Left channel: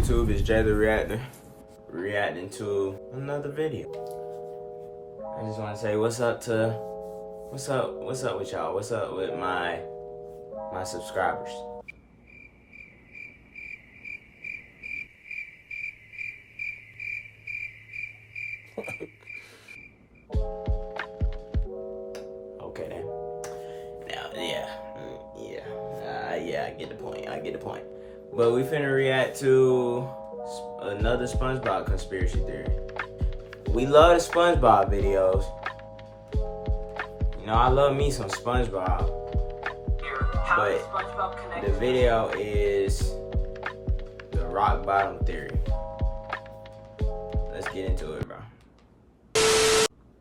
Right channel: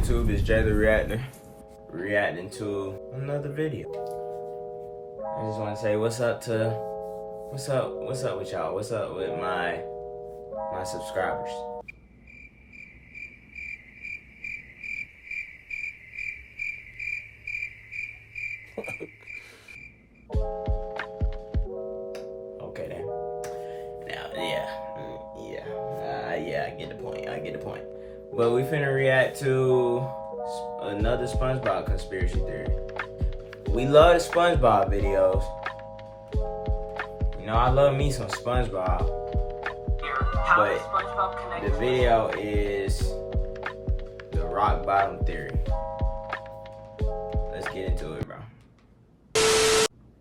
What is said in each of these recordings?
YouTube? It's Jay the Reactor, reacting to another video. I just want to say what's up with y'all? What's up with my subscribers? Okay then. Now, yeah, I get the point. But we finna react to another SpongeBob conspiracy theory. We love the SpongeBob videos. You know, I love me some SpongeBob. But the video is the rock bottom theory. Let's get into it, bro.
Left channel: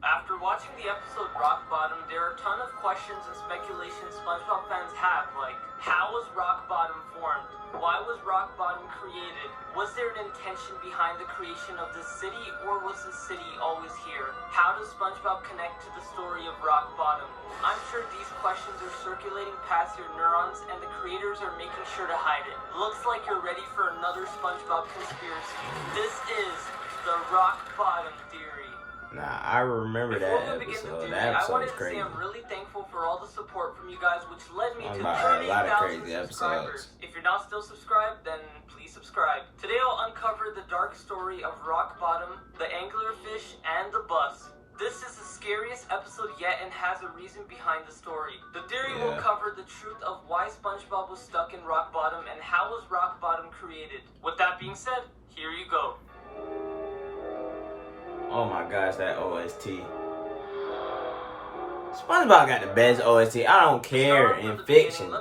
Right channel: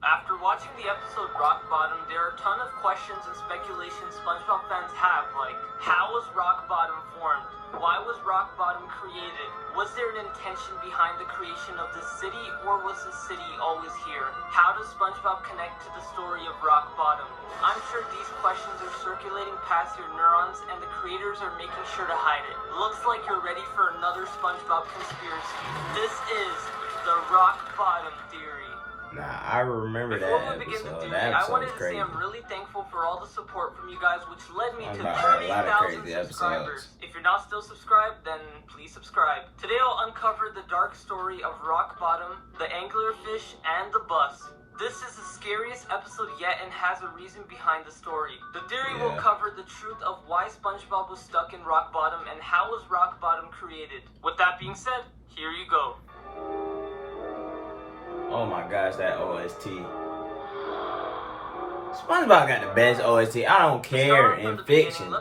After watching the episode Rock Bottom, there are a ton of questions and speculations SpongeBob fans have, like, how was Rock Bottom formed? Why was Rock Bottom created? Was there an intention behind the creation of this city, or was the city always here? How does SpongeBob connect to the story of Rock Bottom? I'm sure these questions are circulating past your neurons, and the creators are making sure to hide it. Looks like you're ready for another SpongeBob conspiracy. This is the Rock Bottom theory. Nah, I remember that episode. That episode was crazy. I'm really thankful for all the support from you guys, which led me to a lot of crazy episodes. If you're not still subscribed, then please subscribe. Today I'll uncover the dark story of Rock Bottom, the anglerfish, and the bus. This is the scariest episode yet and has a reason behind the story. The theory will cover the truth of why SpongeBob was stuck in Rock Bottom and how was Rock Bottom created. With that being said, here you go. Oh my gosh, that OST. SpongeBob got the best OST. I don't care in fiction.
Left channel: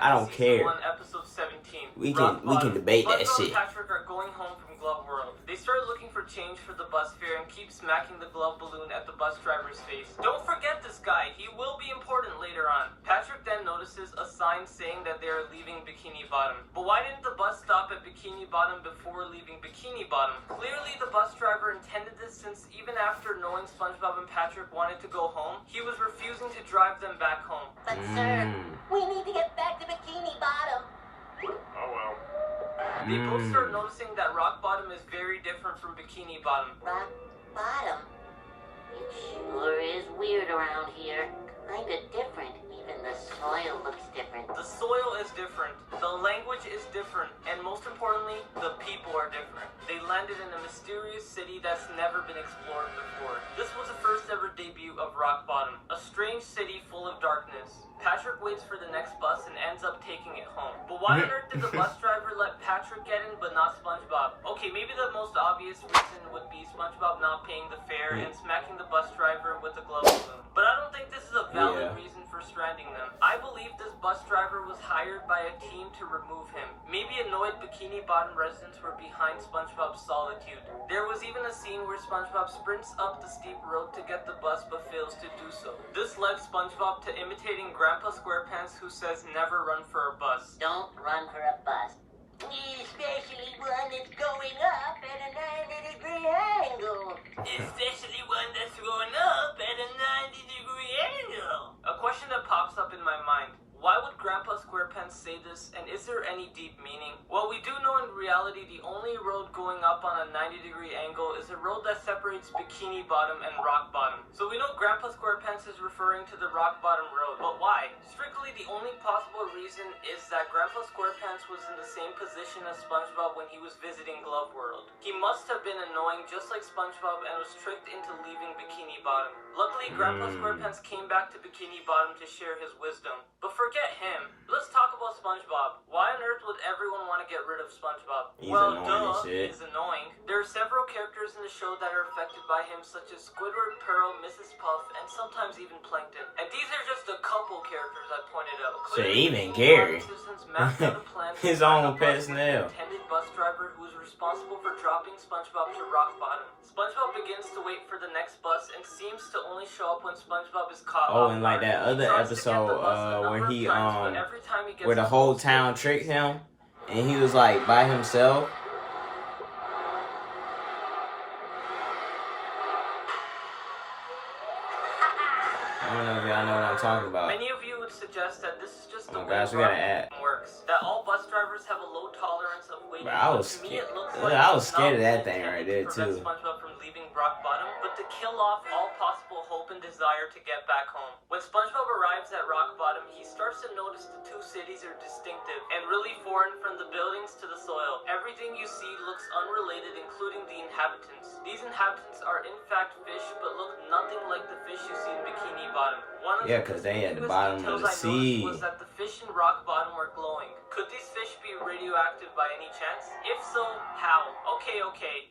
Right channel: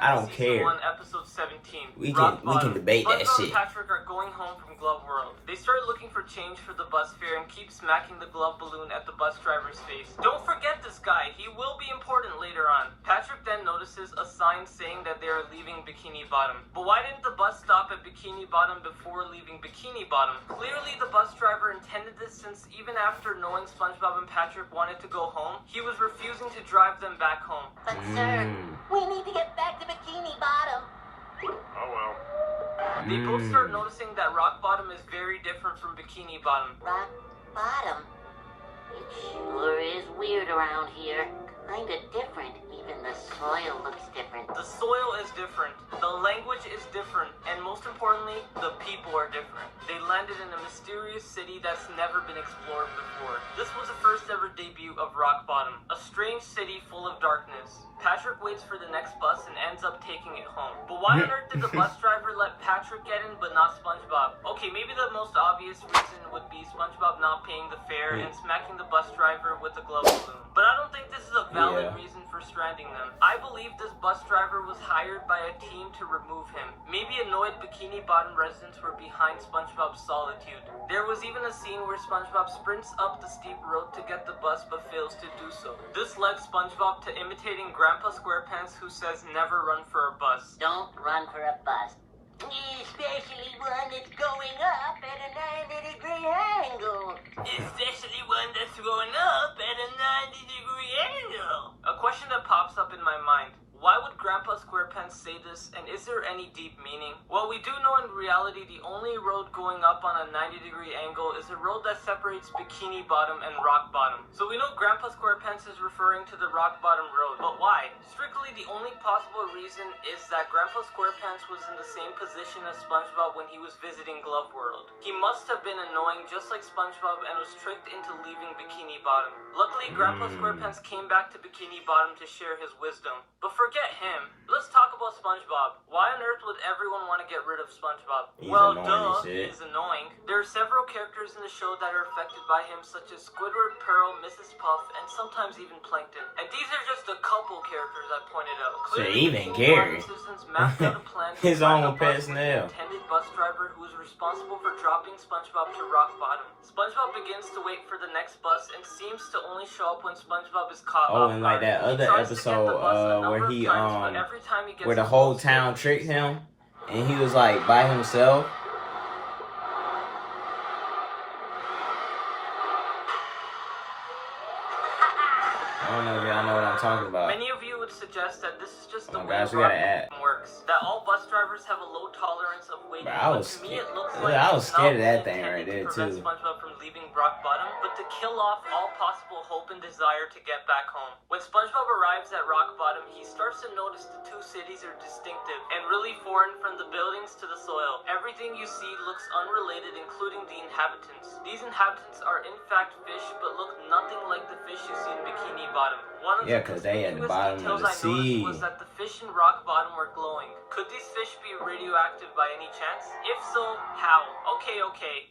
I don't care. We can debate that shit. Patrick are going home from Glove World. They started looking for change for the bus fare and keep smacking the glove balloon at the bus driver's face. Don't forget this guy. He will be important later on. Patrick then notices a sign saying that they are leaving Bikini Bottom. But why didn't the bus stop at Bikini Bottom before leaving Bikini Bottom? Clearly the bus driver intended this, since even after knowing SpongeBob and Patrick wanted to go home, he was refusing to drive them back home. But sir, we need to get back to Bikini Bottom. They both start noticing that Rock Bottom is very different from Bikini Bottom. Rock Bottom? It sure is weird around here. Kinda different. Even the soil looks different. The soil is different, the language is different, and most importantly, the people are different. They landed in a mysterious city that's never been explored before. This was the first ever debut of Rock Bottom, a strange city full of darkness. Patrick waits for the next bus and ends up taking it home. But why on earth did the bus driver let Patrick get in but not SpongeBob? Okay, maybe the most obvious reason would be SpongeBob not paying the fare and smacking the bus driver with the glove balloon. But I don't think this is a valid reason for stranding them. I believe this bus driver was hired by a team to remove him. Maybe annoyed Bikini Bottom residents were behind SpongeBob's solitude. There was even a scene where SpongeBob sprints up the steep road to get the bus but fails to do so. This led SpongeBob to imitating Grandpa SquarePants, who says never run for a bus. Don't run for a bus. Especially one that's going up at a 90-degree angle. Especially one that's going up at a 90-degree angle. A question that pops up in my mind. Why would Grandpa SquarePants say this, and is there any deep meaning? Well, we do know in reality the only road going up on a 90-degree angle is a road that separates Bikini Bottom and Rock Bottom. So we know Grandpa SquarePants is referring to the Rock Bottom road, but why? Strictly the only possible reason is that Grandpa SquarePants was in the same position as SpongeBob when he was visiting Glove World. He must have been annoying just like SpongeBob and was tricked into leaving Bikini Bottom. Luckily, Grandpa SquarePants came back to Bikini Bottom to share his wisdom. But forget him. Let's talk about SpongeBob. Why on earth would everyone want to get rid of SpongeBob? He's annoying as shit. He's annoying. There are several characters in the show that are affected by him, such as Squidward, Pearl, Mrs. Puff, and sometimes even Plankton. And these are just a couple characters I pointed out. So even Gary. His own pet snail. Intended bus driver who is responsible for dropping SpongeBob to Rock Bottom. SpongeBob begins to wait for the next bus and seems to only show up when SpongeBob is caught. Oh, and like that other episode where he where the whole town tricked him and he was like by himself. I don't know if y'all know what I'm talking about. Many of you would suggest that this is just oh my gosh, we gotta add. Works. That all bus drivers have a low tolerance of weight Bro, I was scared of that thing right there too. SpongeBob from leaving rock bottom, but to kill off all possible hope and desire to get back home. When SpongeBob arrives at rock bottom, he starts to notice the two cities are distinctive and really foreign, from the buildings to the soil. Everything you see looks unrelated, including the inhabitants. These inhabitants are in fact fish, but look nothing like the fish you see in Bikini Bottom. Yeah, because they at the bottom of the sea. Was that the fish in rock bottom were glowing. Could these fish be radioactive by any chance? If so, how? Okay.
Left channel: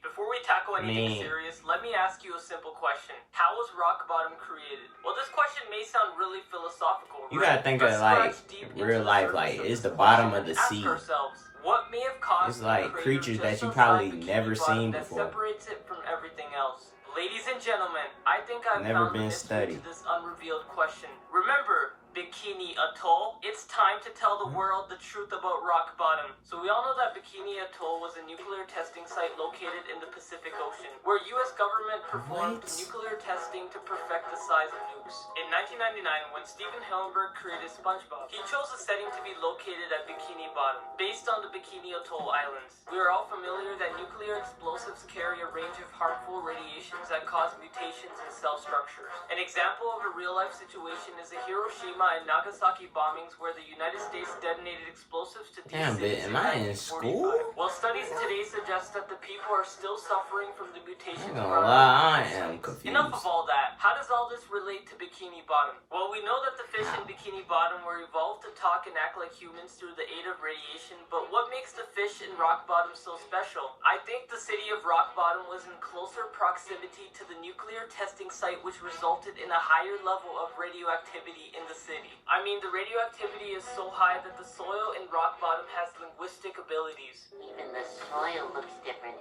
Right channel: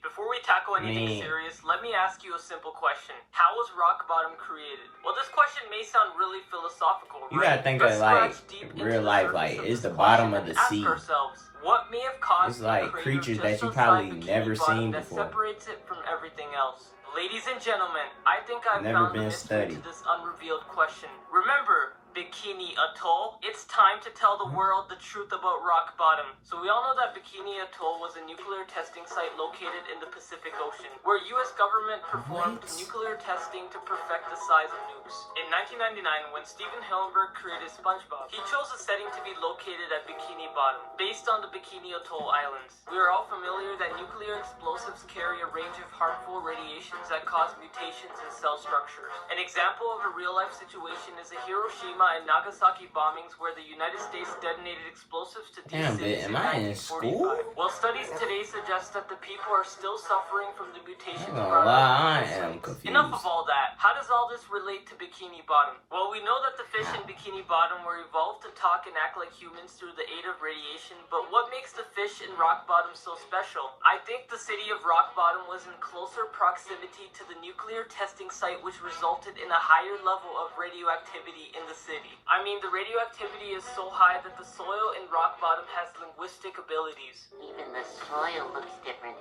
Before we tackle anything serious, let me ask you a simple question. How was rock bottom created? Well, this question may sound really philosophical. You gotta think of like real life, like it's the bottom of the sea. What may have caused it's like creatures that you probably never seen before. Separates it from everything else. Ladies and gentlemen, I think I've never been studied. To this unrevealed question. Remember Bikini Atoll? It's time to tell the world the truth about rock bottom. So we all know that Bikini Atoll was a nuclear testing site located in the Pacific Ocean, where U.S. government performed nuclear testing to perfect the size of nukes. In 1999, when Steven Hillenburg created SpongeBob, he chose a setting to be located at Bikini Bottom, based on the Bikini Atoll Islands. We are all familiar that nuclear explosives carry a range of harmful radiations that cause mutations in cell structures. An example of a real-life situation is the Hiroshima and Nagasaki bombings, where the United States detonated explosives to Damn, bitch, am I in school? Well, studies today suggest that the people are still suffering from the mutations. I ain't gonna lie, I am confused. Enough of all that. How does all this relate to Bikini Bottom? Well, we know that the fish in Bikini Bottom were evolved to talk and act like humans through the aid of radiation, but what makes the fish in rock bottom so special? I think the city of rock bottom was in closer proximity to the nuclear testing site, which resulted in a higher level of radioactivity in the city. I mean, the radioactivity is so high that the soil in rock bottom has linguistic abilities. Even the soil looks different.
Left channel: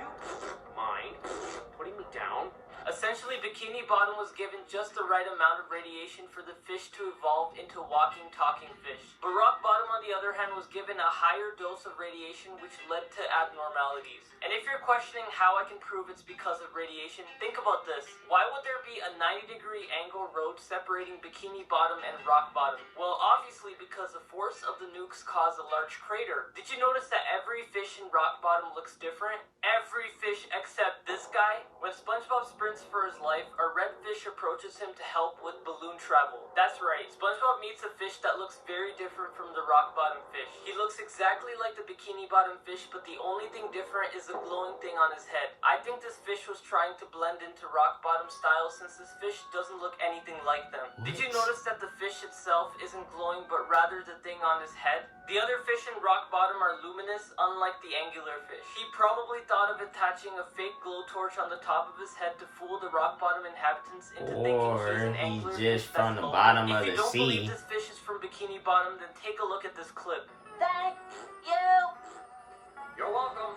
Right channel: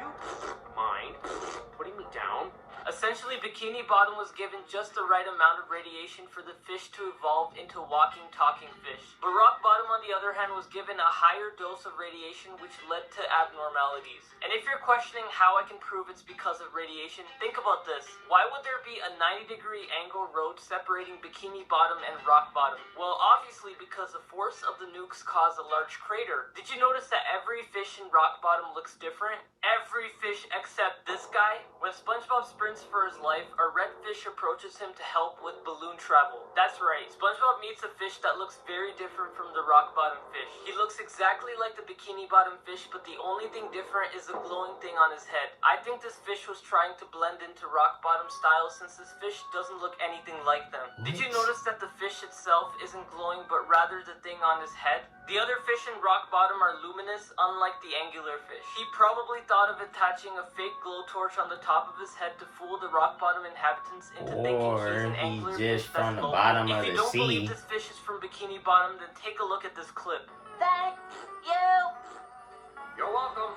You mind putting me down? Essentially, Bikini Bottom was given just the right amount of radiation for the fish to evolve into walking, talking fish. But rock bottom, on the other hand, was given a higher dose of radiation, which led to abnormalities. And if you're questioning how I can prove it's because of radiation, think about this. Why would there be a 90-degree angle road separating Bikini Bottom and rock bottom? Well, obviously because the force of the nukes caused a large crater. Did you notice that every fish in rock bottom looks different? Every fish except this guy? When SpongeBob sprints for his life, a red fish approaches him to help with balloon travel. That's right, SpongeBob meets a fish that looks very different from the rock bottom fish. He looks exactly like the Bikini Bottom fish, but the only thing different is the glowing thing on his head. I think this fish was trying to blend into rock bottom style, since this fish doesn't look anything like them. Did you notice that the fish itself isn't glowing, but rather the thing on his head? The other fish in rock bottom are luminous, unlike the angular fish. He probably thought of attaching a fake glow torch on the top of his head to fool the rock bottom inhabitants into thinking he's an just angler from the bottom of the sea. If you don't believe this fish is from Bikini Bottom, then take a look at this clip. Thank you. You're welcome.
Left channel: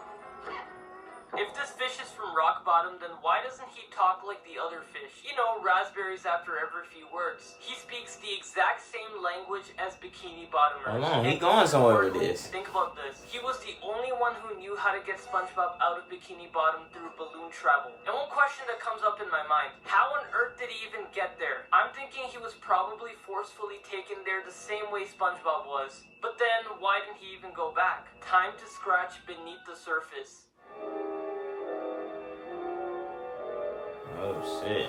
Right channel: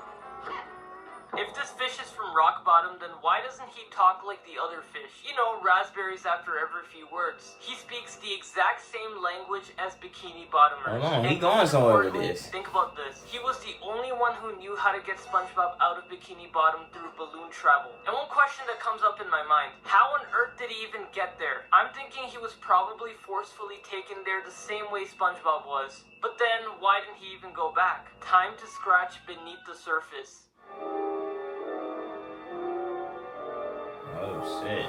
If this fish is from rock bottom, then why doesn't he talk like the other fish? You know, raspberries after every few words. He speaks the exact same language as Bikini Bottom. Hold on, he going somewhere with this. Think about this. He was the only one who knew how to get SpongeBob out of Bikini Bottom through balloon travel. And one question that comes up in my mind, how on earth did he even get there? I'm thinking he was probably forcefully taken there the same way SpongeBob was. But then, why didn't he even go back? Time to scratch beneath the surface. Oh shit!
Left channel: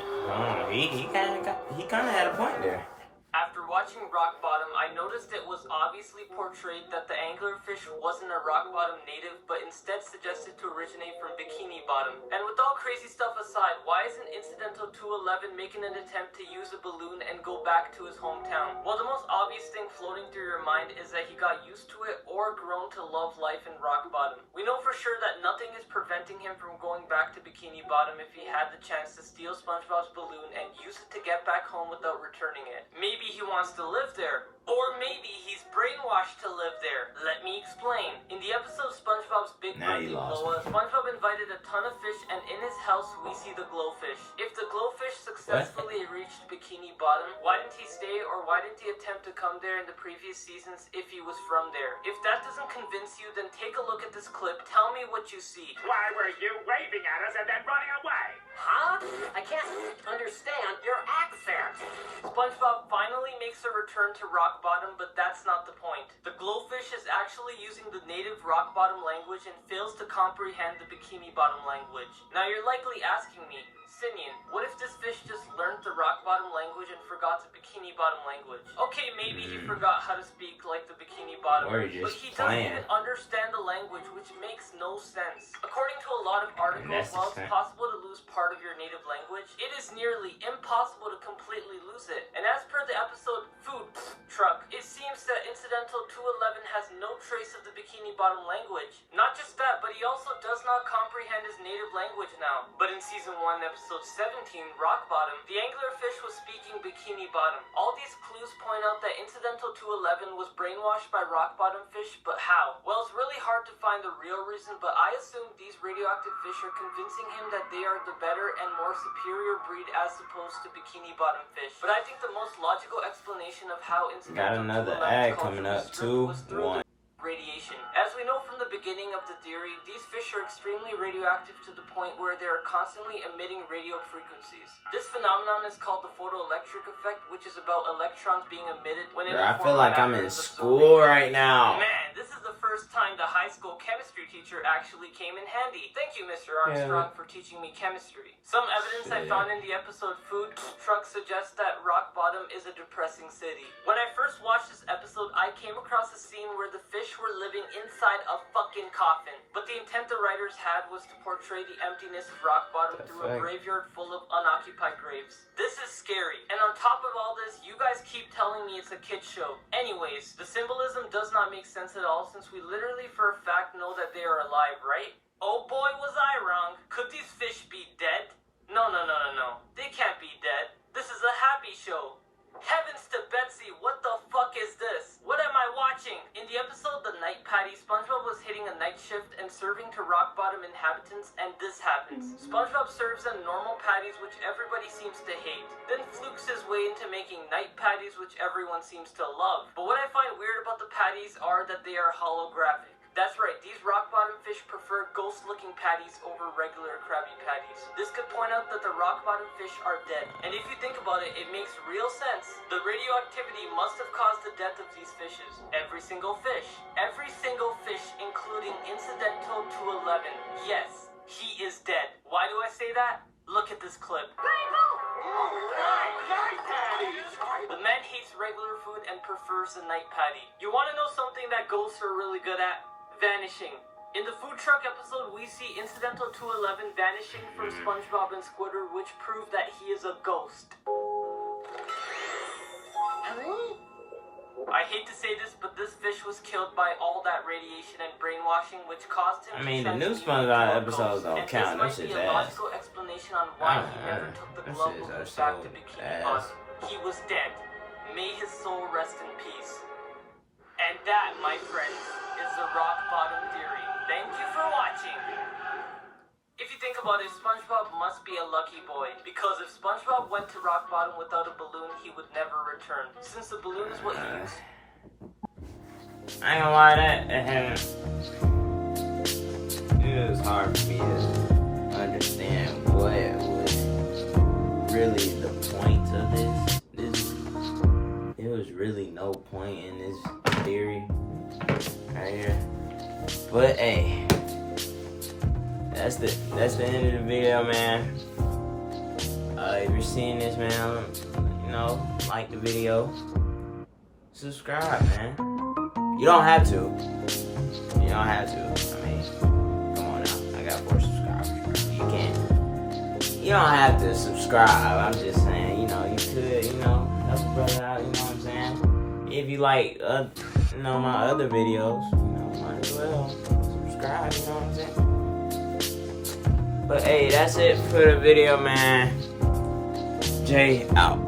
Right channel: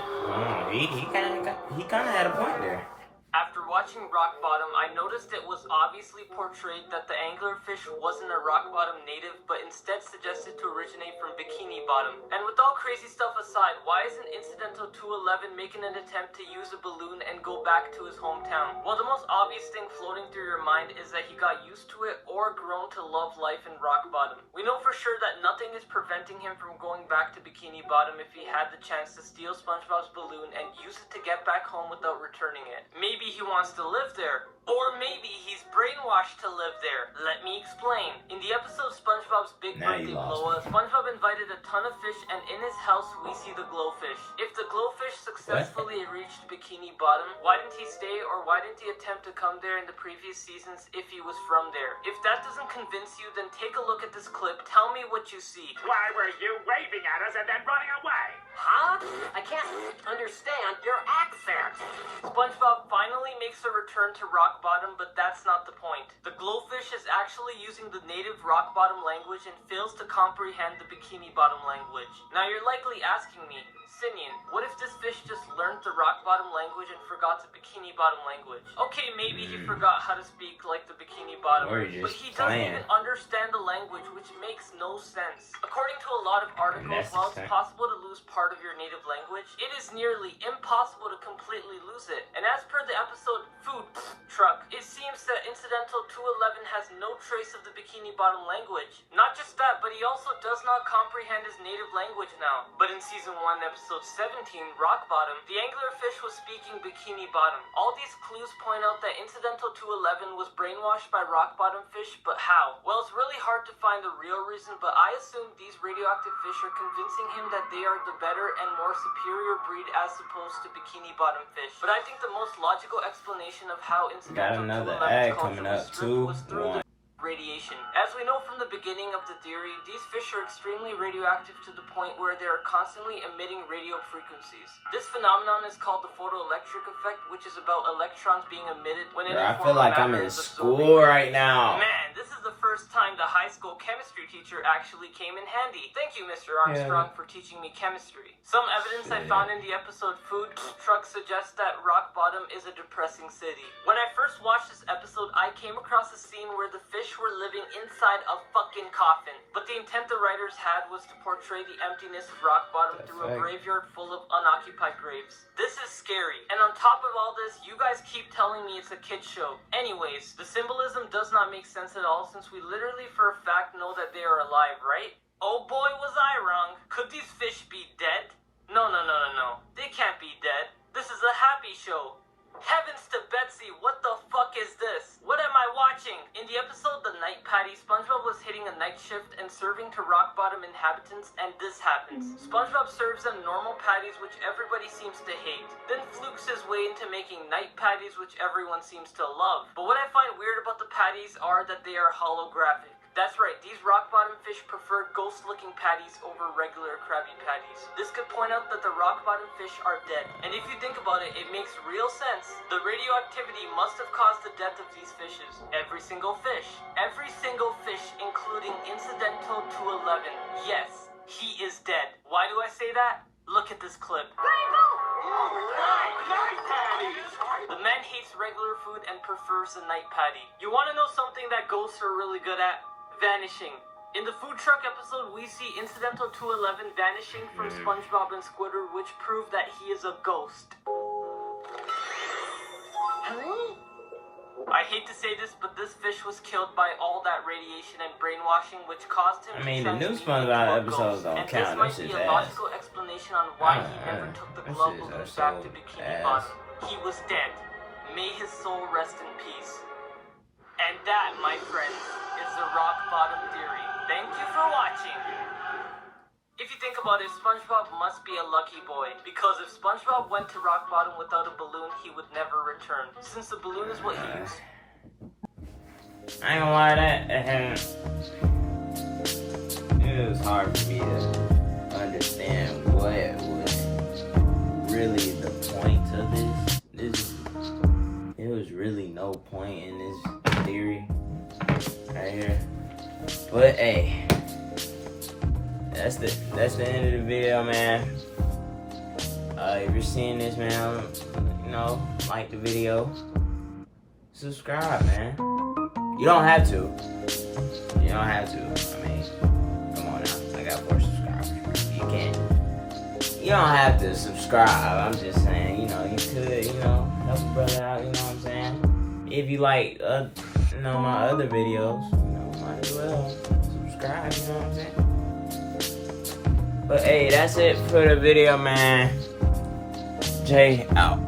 He kind of had a point there. After watching Rock Bottom, I noticed it was obviously portrayed that the anglerfish wasn't a Rock Bottom native, but instead suggested to originate from Bikini Bottom. And with all crazy stuff aside, why isn't Incidental 211 making an attempt to use a balloon and go back to his hometown? Well, the most obvious thing floating through your mind is that he got used to it or grown to love life in Rock Bottom. We know for sure that nothing is preventing him from going back to Bikini Bottom if he had the chance to steal SpongeBob's balloon and use it to get back home without returning it. Maybe he wants to live there. Or maybe he's brainwashed to live there. Let me explain. In the episode SpongeBob's Big Birthday Glow, SpongeBob invited a ton of fish, and in his house we see the glowfish. If the glowfish successfully reached Bikini Bottom, why didn't he stay, or why didn't he attempt to come there in the previous seasons if he was from there? If that doesn't convince you, then take a look at this clip. Tell me what you see. Why were you waving at us and then running away? Huh? I can't understand your accent. SpongeBob finally makes a return to Rock Bottom, but that's not the point. The glowfish is actually using the native Rock Bottom language and fails to comprehend the Bikini Bottom language. Now you're likely asking me, Simeon, what if this fish just learned the rock bottom language and forgot the Bikini Bottom language? Okay, maybe he forgot how to speak like the Bikini Bottom, Or you're but just he doesn't playing. even understand the language, which makes no sense. According to a lot of articles, that's while it's fair. possible to lose part of your native language, it is nearly impossible to completely lose it. And as per the episode Food Truck, it seems that Incidental 211 has no trace of the Bikini Bottom language. Not just that, but he also does not comprehend his native language now. But in Season 1, Episode 17, Rock Bottom, the anglerfish was speaking Bikini Bottom. All these clues point out that Incidental 211 was brainwashed by rock bottom fish, but how? Well, it's really hard to find the real reason, but I assume these radioactive fish are convincing him that they are the better and more superior breed as opposed to Bikini Bottom fish. But I think the most logical explanation of how Got Incidental another 211 ad culture coming was up. through 2-1. radiation. As we know from the beginning of the theory, these fish are extremely radioactive to the point where they are constantly emitting radio frequencies. This phenomenon is called the photoelectric effect, which is about electrons being emitted when Bro, I feel like I'm in school right now. Man, this is the first time the high school chemistry teacher actually came in handy. Thank you, Mr. Armstrong, for teaching me chemistry. Some evidence I found in the episode Food Truck suggests that Rock Bottom is a depressing city. When I first watched this episode, I came across a scene where the fish were living inside a fucking coffin. But the intent the writers had was to portray the emptiness of Rock Bottom through a graveyard full of unoccupied graves. This is scary. And on top of all this, you guys keep telling me it's a kid's show. Anyways, the symbolism does not make sense at all since we literally for a fact know that they are alive, right? Oh boy, was I wrong. Could these fish be dead? No. They can't be dead. This is a happy show. Heavens to Betsy, what the fuck is this? What am I watching? In the episode The Night Patty, SpongeBob was hitting a night shift and serving to rock bottom inhabitants, and this happens. SpongeBob serves them normal patties, which everybody seems to hate. Then flukes his way into making night patties, which everyone seems to love. But what I find weird about the patties are that they are holographic. That's right, these rock bottom fish prefer ghost-looking patties over regular Krabby Patties. This could point out that the rock bottom fish are dead. And if you think about it, it makes real sense. The radioactivity must have caused the death of these fishes. Every single fish. Every single fish, including Incidental 211. Yes, he is dead. Why do I say that? Look at this clip. The man hates regular food and prefers a night patty. You want to know something that ghosts are really good at? Vanishing. In the Food Truck episode, we see Incidental 211 vanishing from SpongeBob and Squidward, which prove that he is a ghost. I hate to say this, but this fish was killed by all that radiation and brainwashing, which caused him I mean, to the new trust SpongeBob people episodes ghosts. don't count. And This this is might be a ass. logical explanation on why he never took the This glove is back so to Bikini ass. Bottom. He was dead. May his soul rest in peace. And that, my friends, is the rock bottom theory. Thank you for watching. If you think about it, SpongeBob must be a lucky boy, because if SpongeBob went to rock bottom without a balloon, he would never return, since the balloon is what he I ain't gonna lie, it was hard for me to understand what was really the point of this. There was really no point in this theory right here. But hey, that's the end of the video, man. If you're seeing this, man, like the video, subscribe, man. You don't have to. I mean, come on now. I got 4 subscribers. You can't. You don't have to subscribe. I'm just saying, you could, help a brother out, you know what I'm saying? If you like, my other videos, might as well subscribe, you know what I'm saying? But hey, that's it for the video, man. Jay out.